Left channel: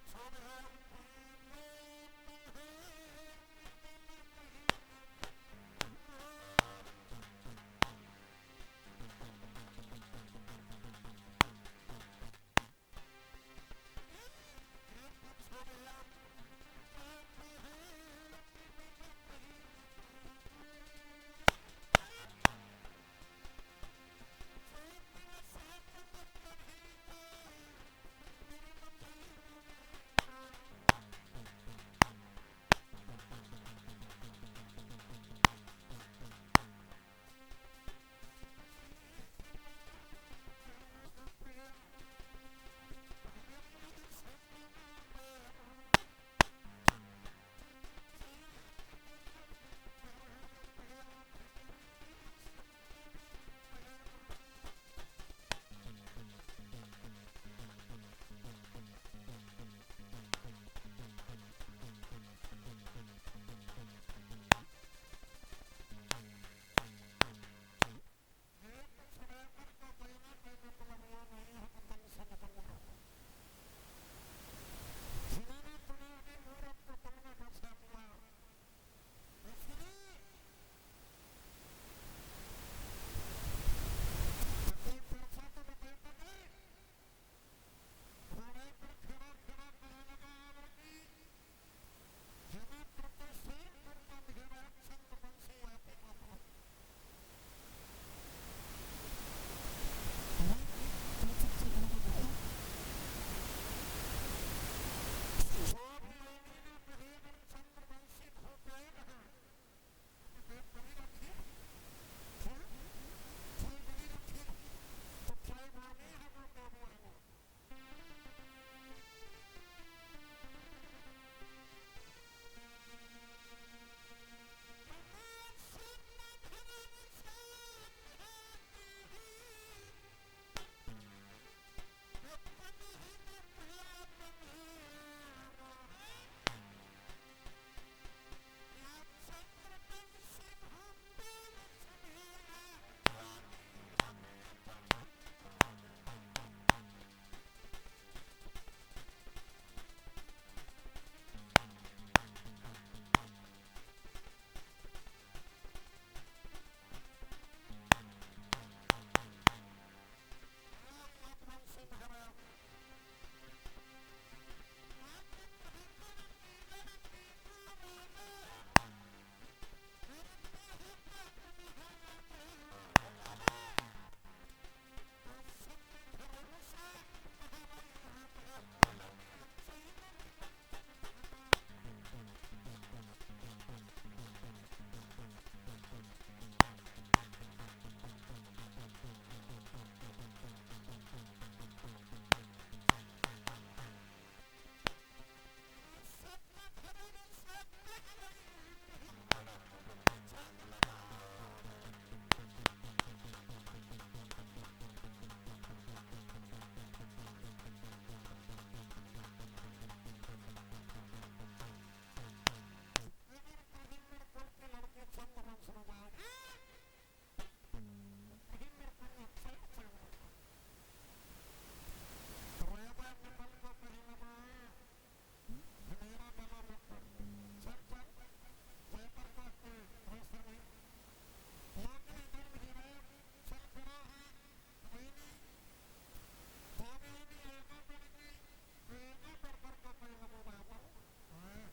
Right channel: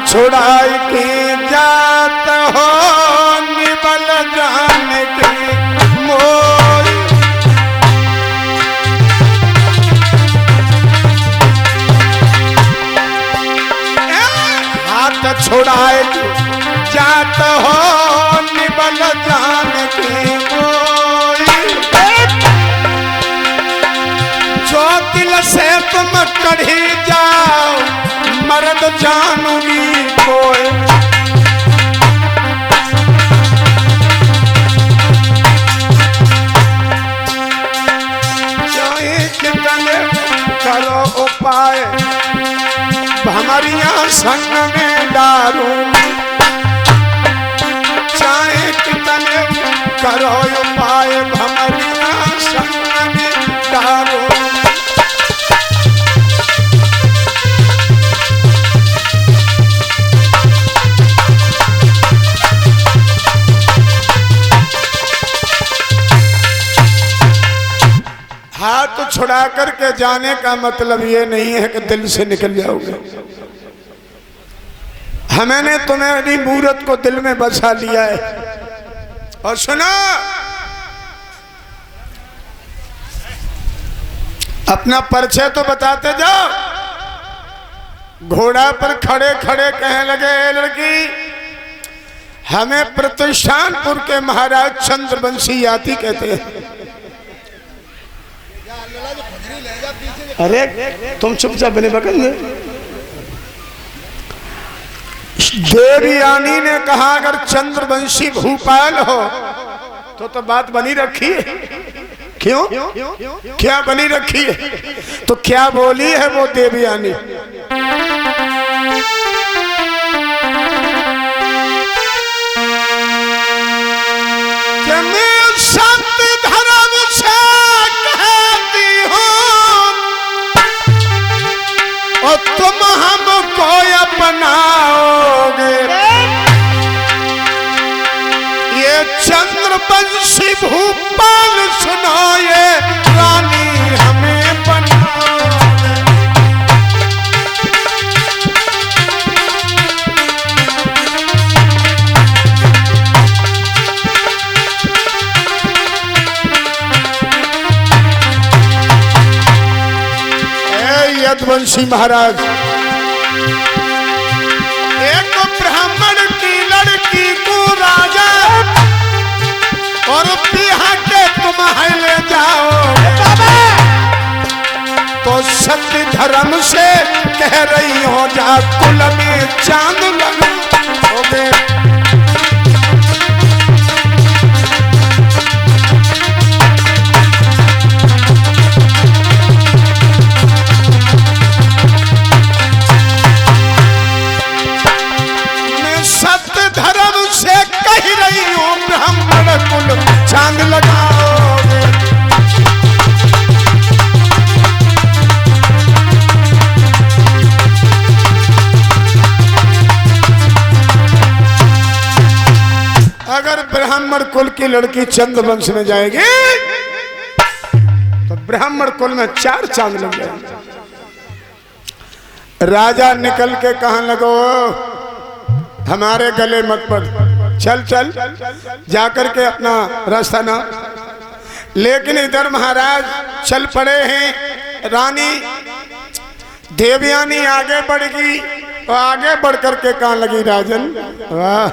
छुड़ाई की जात हो निबल जान की मोर। हाथ छुड़ाई जात हो निबल जान की मोर। जो दिल से तुम कढ़ी जाओ मर्द जानूंगी कोई। चाहे कितने करो उपाय भमरिया संग में डारूंगी। चाहे कितने करो उपाय भमरिया संग में डारूंगी। हाथ छुड़ा करके जाने का मतलब ये नहीं है कि दिल से निकल जाओगे। हमने तुम्हारी मूरत को दिल में बसा लिया है। और सुनो, अपना परिचय तो बताते जाओ। घोड़ा पर खड़े खड़े कहने लगे, लड़की हमें प्रतिष्ठानपुर के महाराज चंद्रवंशी याती कहते हैं। अरे तुम चुपचाप बने बगल में। देवयानी ने कहा अगर चंद्रवंशी भूपाल हो तो बात बनी रखी है। क्यों क्या बनी रखी है? तो क्या बोली है वो देवयानी? सत्य धर्म से कहती हूँ और तुम हमको अपनाओगे। ये चंद्रवंशी भूपाल सुनो, ये रानी हमें बनाओगे। यदुवंशी महाराज, एक ब्राह्मण की लड़की को राजा और बिहा के तुम ले जाओ तो सत्य धर्म से कह रही हो जा कुल में चांद लगाओगे। कह रही हूँ ब्राह्मण कुल चांद लगाओगे। अगर ब्राह्मण कुल की लड़की चंद्रवंश में जाएगी तो ब्राह्मण कुल में 4 चांद लग जाएंगे। राजा निकल के कहने लगो हमारे गले मत पड़, चल चल जाकर के अपना रास्ता ना। लेकिन इधर महाराज चल पड़े हैं। रानी देवयानी आगे बढ़ गई और आगे बढ़ करके कहने लगी राजन वाह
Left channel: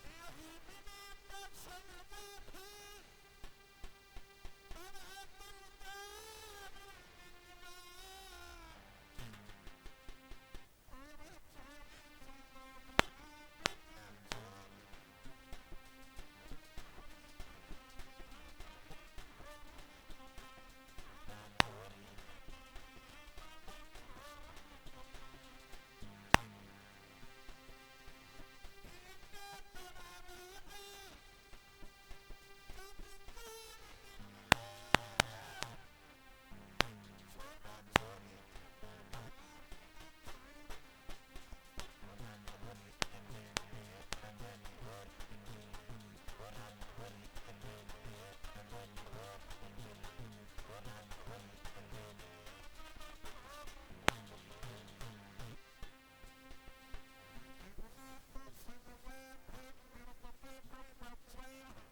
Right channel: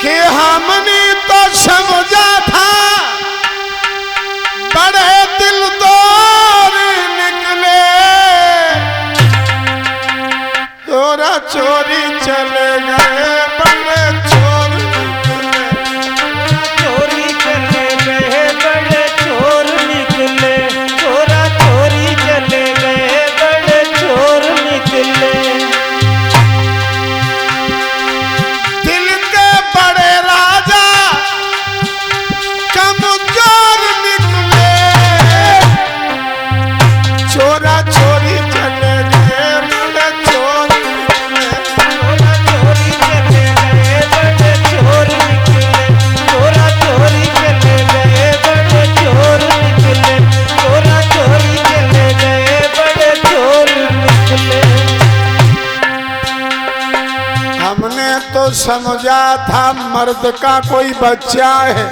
कि हमने तो समझा था बड़े दिल तोड़ निकले, चोरा चोरी चले गए बड़े चोर निकले। चोरी चले गए बड़े चोर निकले, चोरा चोरी चले गए बड़े चोर निकले। दिल के बड़े राजा कमजोर निकले, चोरा चोरी चले गए बड़े चोर निकले। चोरा चोरी चले समझा था मर्द का कोई बच्चा है,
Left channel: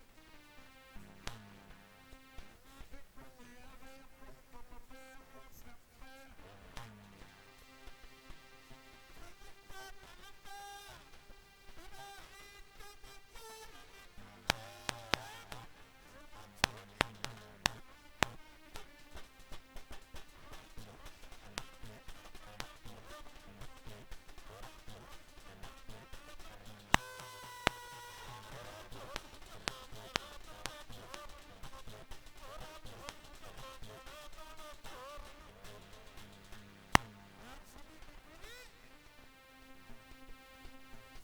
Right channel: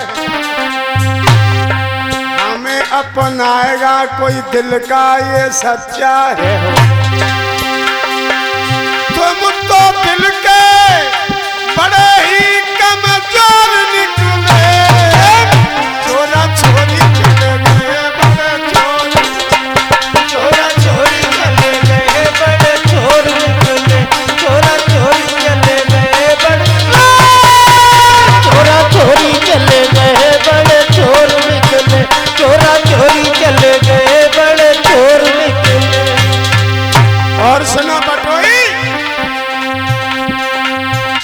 हमें अपनाएगा कोई दिल का ये सच्चा है। तुम तो दिल के बड़े ही कमजोर निकले, चोरा छोरी चले गए बड़े चोर, चोरा चोरी चले गए बड़े चोर निकले, चोरा चोरी चले गए बड़े, चोरा चोरी चले गए बड़े चोर निकले, चोरा चोरी चले गए बड़े चोर निकले। और सुनो बटोई,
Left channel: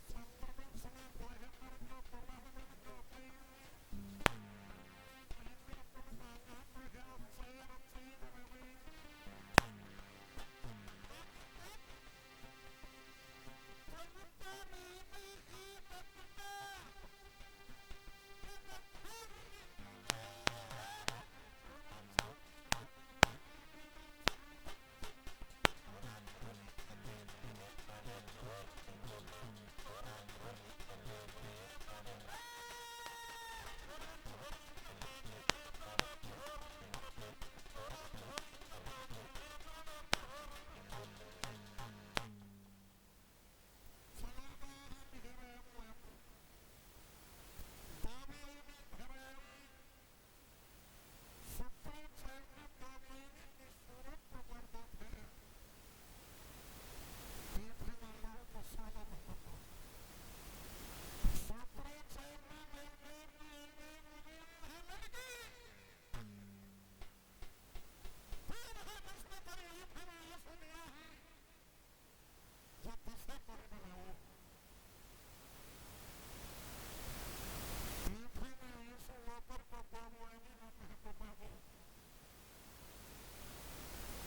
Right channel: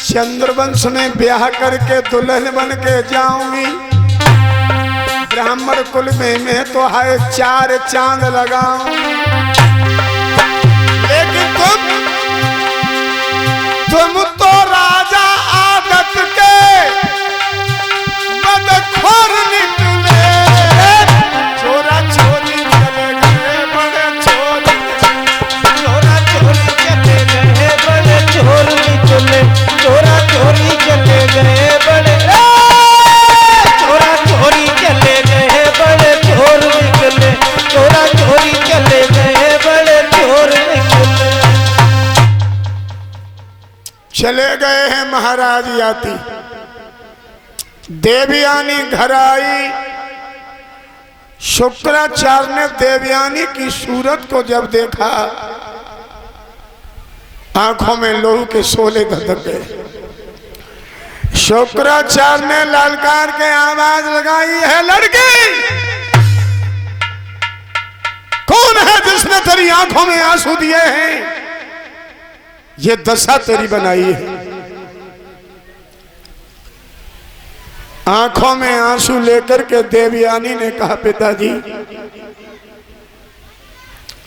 चंद्रवंश में ब्याह करके दुल्हन बन के जाऊंगी, ब्राह्मण कुल में मैं तो है 4 चांद लगाऊं, लेकिन तुम तो राजा आदत के बदखोर निकले, चोरा चोरी चले गए बड़े चोर, चोरा चोरी चले गए बड़े चोर निकले, चोरा चोरी चले गए बड़े, चोरा चोरी चले गए बड़े चोर निकले, चोरा चोरी चले गए बड़े चोर निकले। चले गए हैं महाराज याति। देवयानी घर आई, शुक्राचार्य ने देवयानी की सूरत को जब देखा, आंखों में लोहू के शोले धधक गए। शुक्राचार्य ने ललकार के आवाज लगाई, है लड़की, कौन है जिसने तेरी आंखों में आंसू दिए हैं? ये दशा तेरी बनाई है। आंखों में आंसू लेकर के देवयानी ने कहा, पिताजी,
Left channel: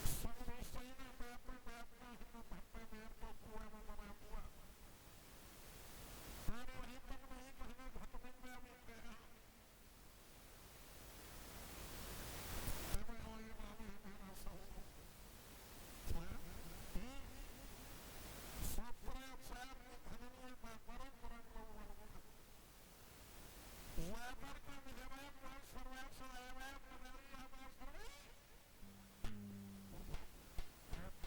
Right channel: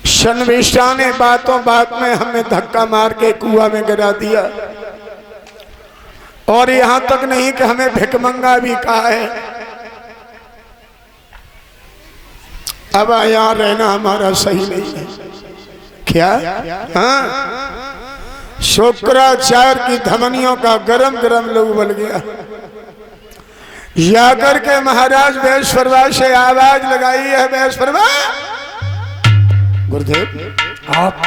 शर्मिष्ठा ने बातों बात में हमें धक्का मार के कुआं में गिरा दिया, और यहां तक नहीं कि हमें भिकमंगा भी कहा है। अब यहां रहना हमारा सही नहीं है। क्या? हाँ, शुक्राचार्य की धमनियों का गरम गरम लहू बन गया। जाकर के महाराज वैश्वरवा से आवाज लगाई है, वैश्वरवा, गुरुदेव आप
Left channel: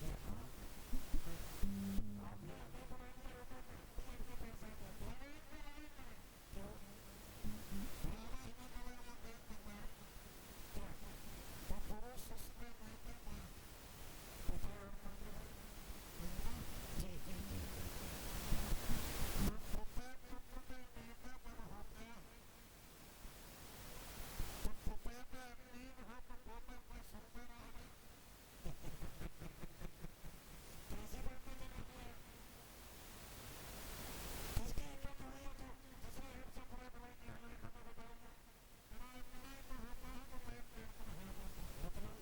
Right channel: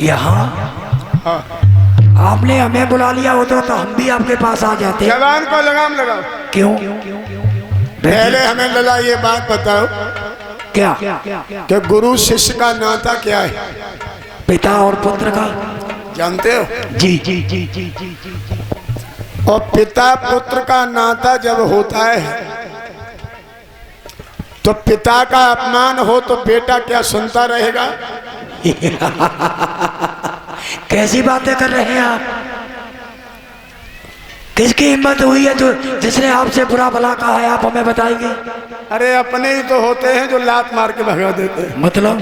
यहाँ, आपने हमें बुला लिया होता तो हम भी आपके पास आ जाते। जवान को लगाम लगाओ। क्यों? पहले हमें लला ये बात बताओ, क्या? कि गुरु शिष्य का नाता क्या है? पिता और पुत्र का। जानते हो? जी जी जी जी जी जी। और पिता पुत्र का नाता जब होता है तो पिता का अपमान हो तो बेटा क्या सुनता रहेगा? कैसी बातें कर रहे हैं आप? किसकी हिम्मत हुई है जो जिसने आपसे बुरा भला कहा है? आप हमें बताएंगे। अरे अपने ही तो होते हैं जो लात मार के भगा देते हैं। मतलब?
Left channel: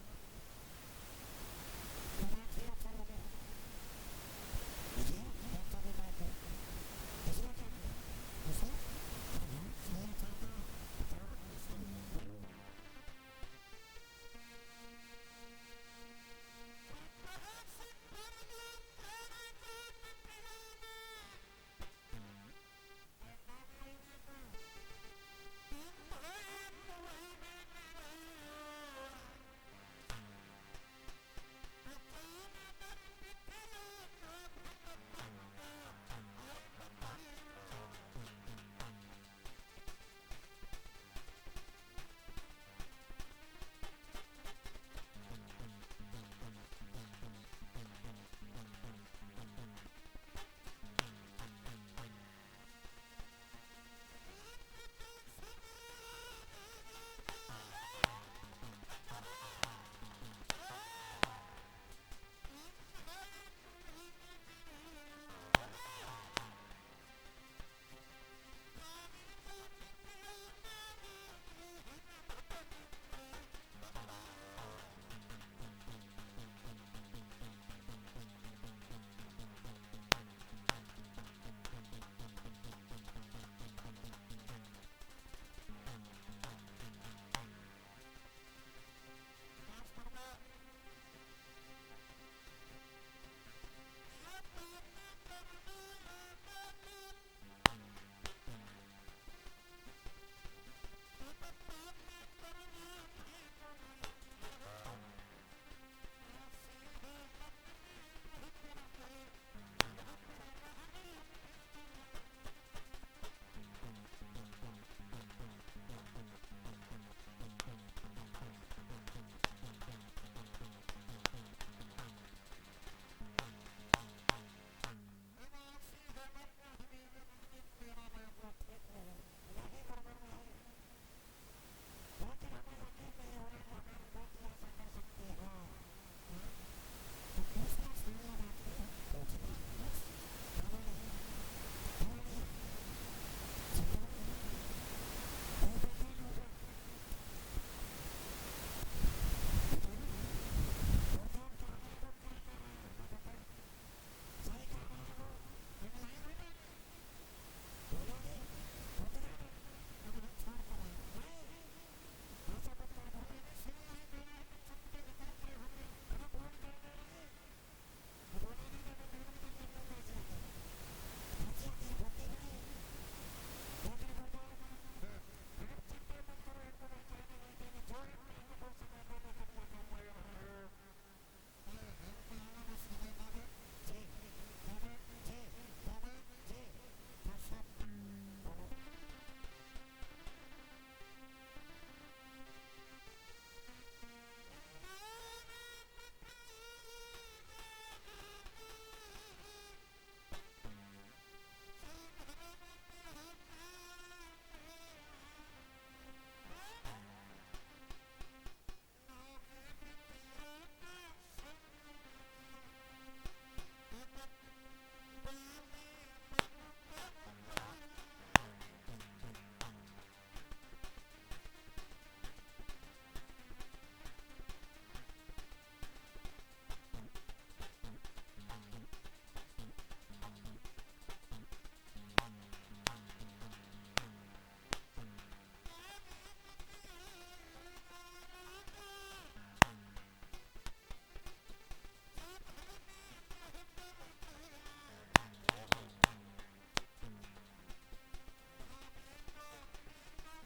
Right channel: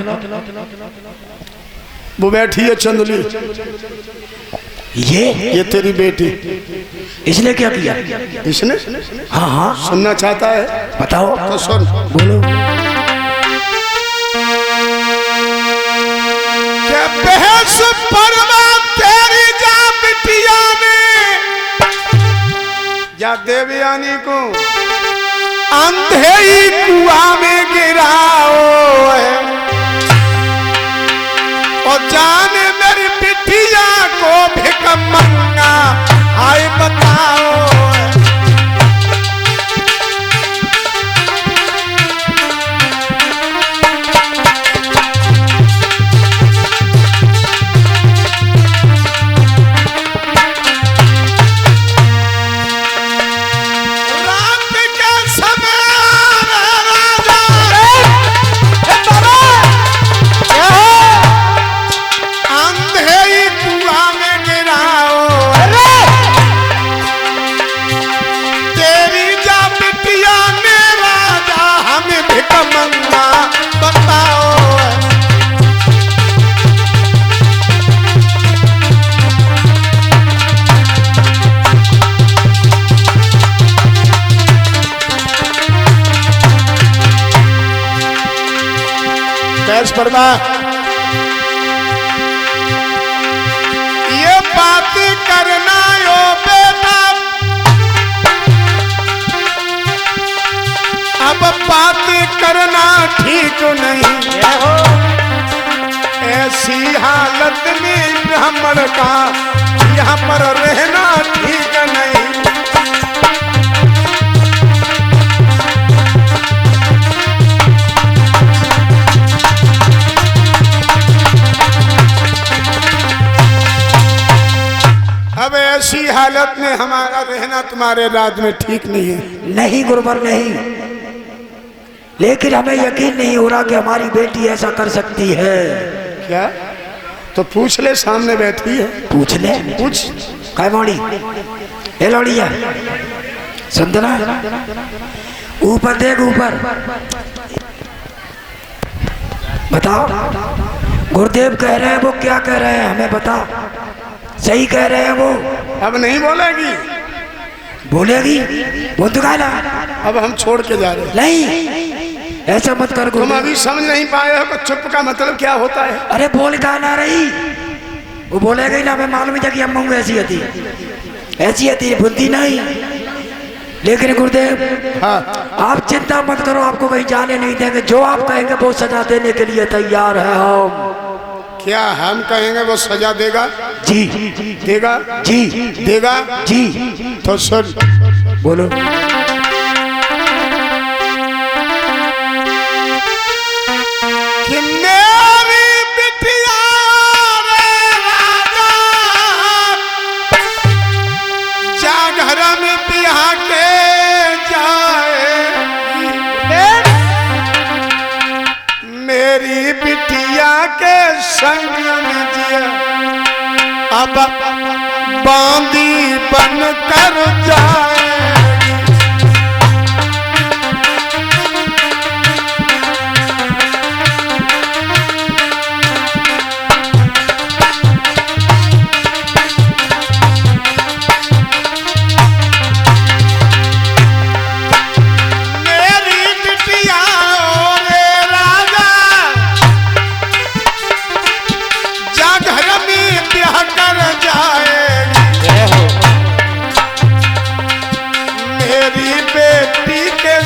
वो बैठी है चंदली, ये तेरी बेटी। इसने क्या किया? इसने? हाँ हाँ, सुनना चाहता है? बताओ तो सुन। बोलो। क्या बहस परमा तेरी जा बिटिया ने, या देवयानी को अंधे ही कुआं में गिराओ है, और जाने मेरी बिटिया को भिकमंगा आए बताओ। परमा ये बात करना यो अब बात करना ठीक नहीं, जय हो। ऐसी हालत में ब्राह्मण का यहाँ पर रहना ठीक नहीं। अब ऐसी हालत में हमारा रहना तुम्हारे राज्य में ठीक नहीं है। नहीं गुरुवर नहीं, लेकिन हमें यकीन नहीं हो रहा कि हमारी बेटी ऐसा कर सकती है। क्या? तो पूछ ले, सामने बैठी है, पूछ ले। पूछ। काय मोड़ी ए लौड़िया सुनना, ऊपर देख ऊपर, बताओ गुरुदेव कह रहे हैं वो क्या कह रहे हैं, हमें बता। सही कह रहे हैं वो? अब नहीं बोलेगी? बोलेगी, बोल तो गाना। अब हम छोड़ के जा रहे हैं। नहीं ऐसा मत कर तुम गुरुदेव। अभी समझ नहीं पाए हो कि चुप का मतलब क्या होता है। अरे बोल का ना रही, वो बोलेगा ही ना, हमें मालूम है कि अम्मा ऐसी होती बुद्धि नहीं। लेकिन गुरुदेव हाँ, आप चिंता मत करो, आपको कहीं जाने नहीं देंगे। जो आप कहेंगे वो सजा देने के लिए तैयार है हम। क्या हम कहेंगे वो सजा देगा? जी देगा? जी देगा? जी। तो सुन, बोलो। कि मेरी बिटिया रे राजा जा घर में बिहा के जाए, मेरी बिटिया के संग में जिया अब बांदी बन कर जाए।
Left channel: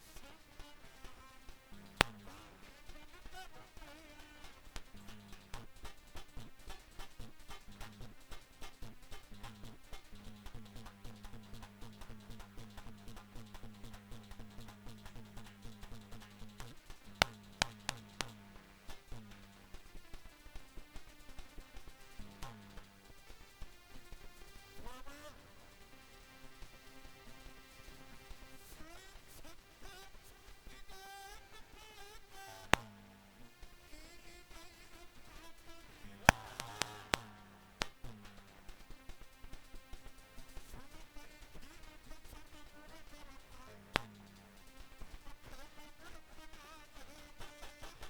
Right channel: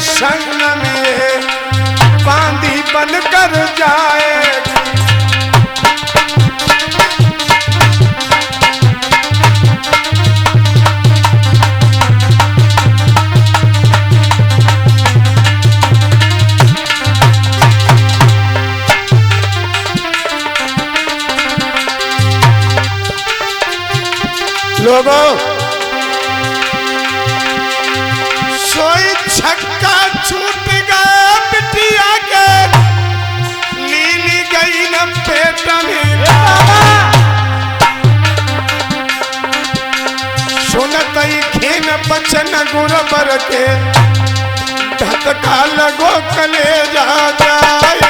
संग में बांदी बन कर जाए। लोगों, सोई छक्का छूट गया बिटिया के, लीली गई न पेट में। सुनत ही खेन बचन गुरबर के, धतका लगो कलेजा जाए।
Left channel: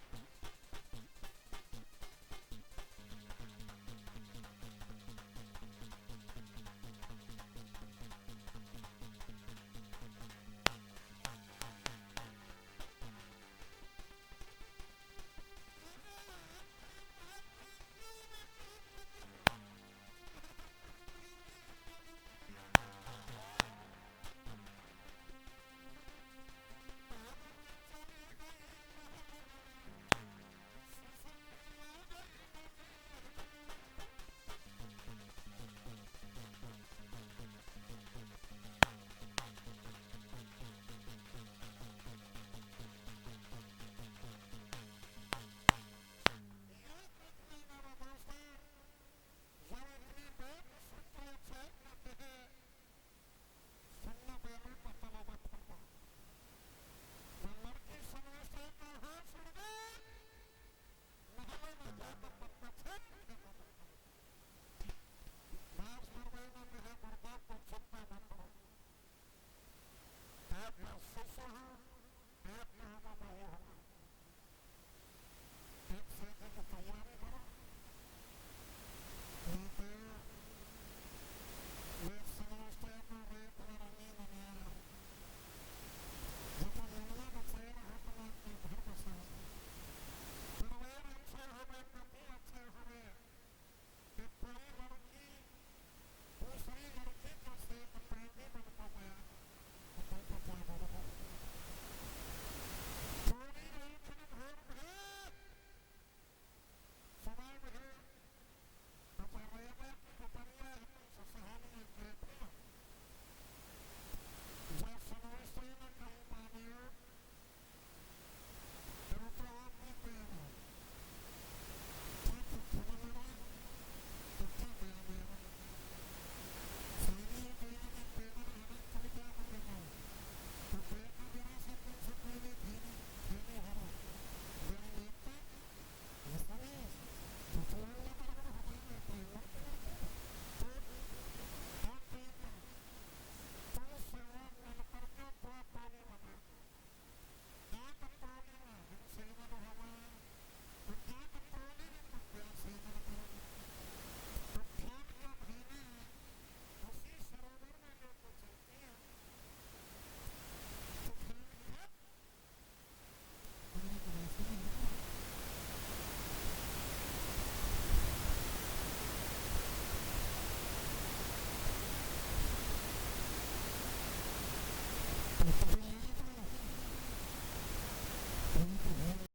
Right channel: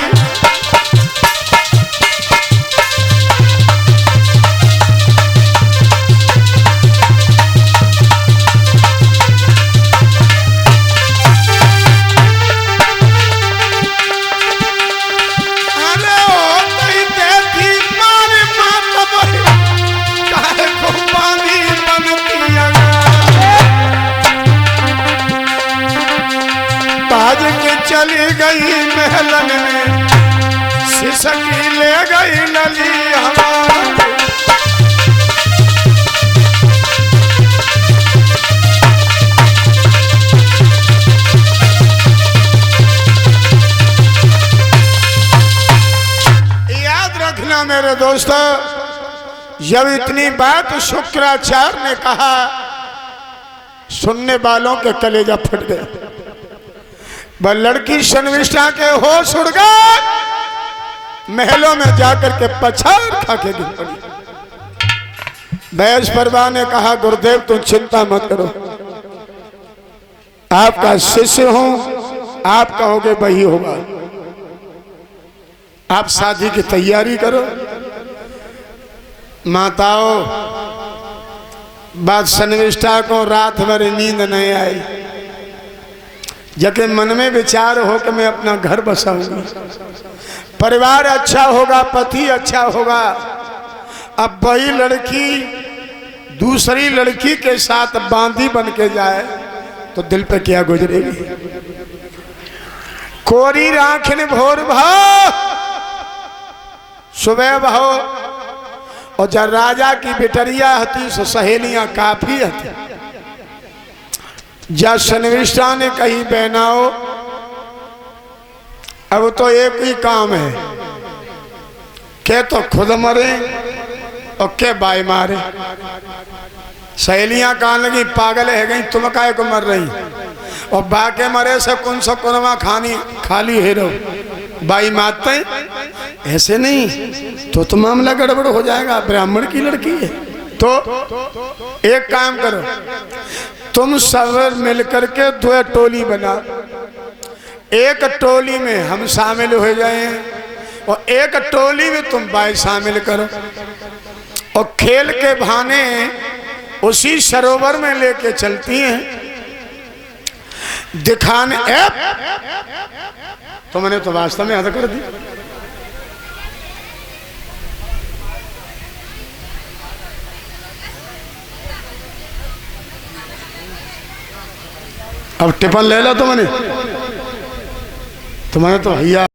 चली गई महलन में, सिसकी ले गई नली हवा। याद रखना मेरे दोस्तों, जब इतनी बात शुक्राचार्य ने कहा, सुनने वालों के कलेजा फट गए। वह लड़की शर्मिष्ठा के होश उड़ गए, महलों में जाकर के पछाड़ खा के गिर पड़ी। बैस परवा ने कहा, गुरुदेव तुम चिंता मत करो, आपका शिष्य हूं, आप कहोगे वही होगा। आप शादी की तैयारी करो। माताओं, बात शर्मिष्ठा को रात भर नींद नहीं आई, जबकि मन में विचार हो कि मैं अपना घर बसाऊंगी, परिवार अच्छा होगा, पति अच्छा होगा। अब वही लड़की दूसरी लड़की के साथ बांदी बन के जाए तो दिल पे क्या गुजरेगी। कोरी राखिन भोर भाव सुबह भाव। और जब राजा की बिटरिया हती सो सहेलियां काफी हती। जब सन्निविष्टा ने कही बहनाओ अब तो एक ही काम है, के तो खुद मरे और के बाई मारे। सहेलियां कहने लगी पागल है गई, तुम काहे को मर रही, और बाके मरे से कौन सा कुरमा खानी खाली है रो बाई मारते ऐसे नहीं तो मामला गड़बड़ हो जाएगा, ब्राह्मण की लड़की है। तो एक काम करो, तुम सब मिलकर के दो टोली बना, एक टोली में हम शामिल हो जाए और एक टोली में तुम बाई शामिल करो, और खेल के बहाने उसी सरोवर में लेके चलती हैं दिखाने। तो मैंने तो वास्तव में हद कर दी। अब टिफन ले लो तो मैंने तो भैया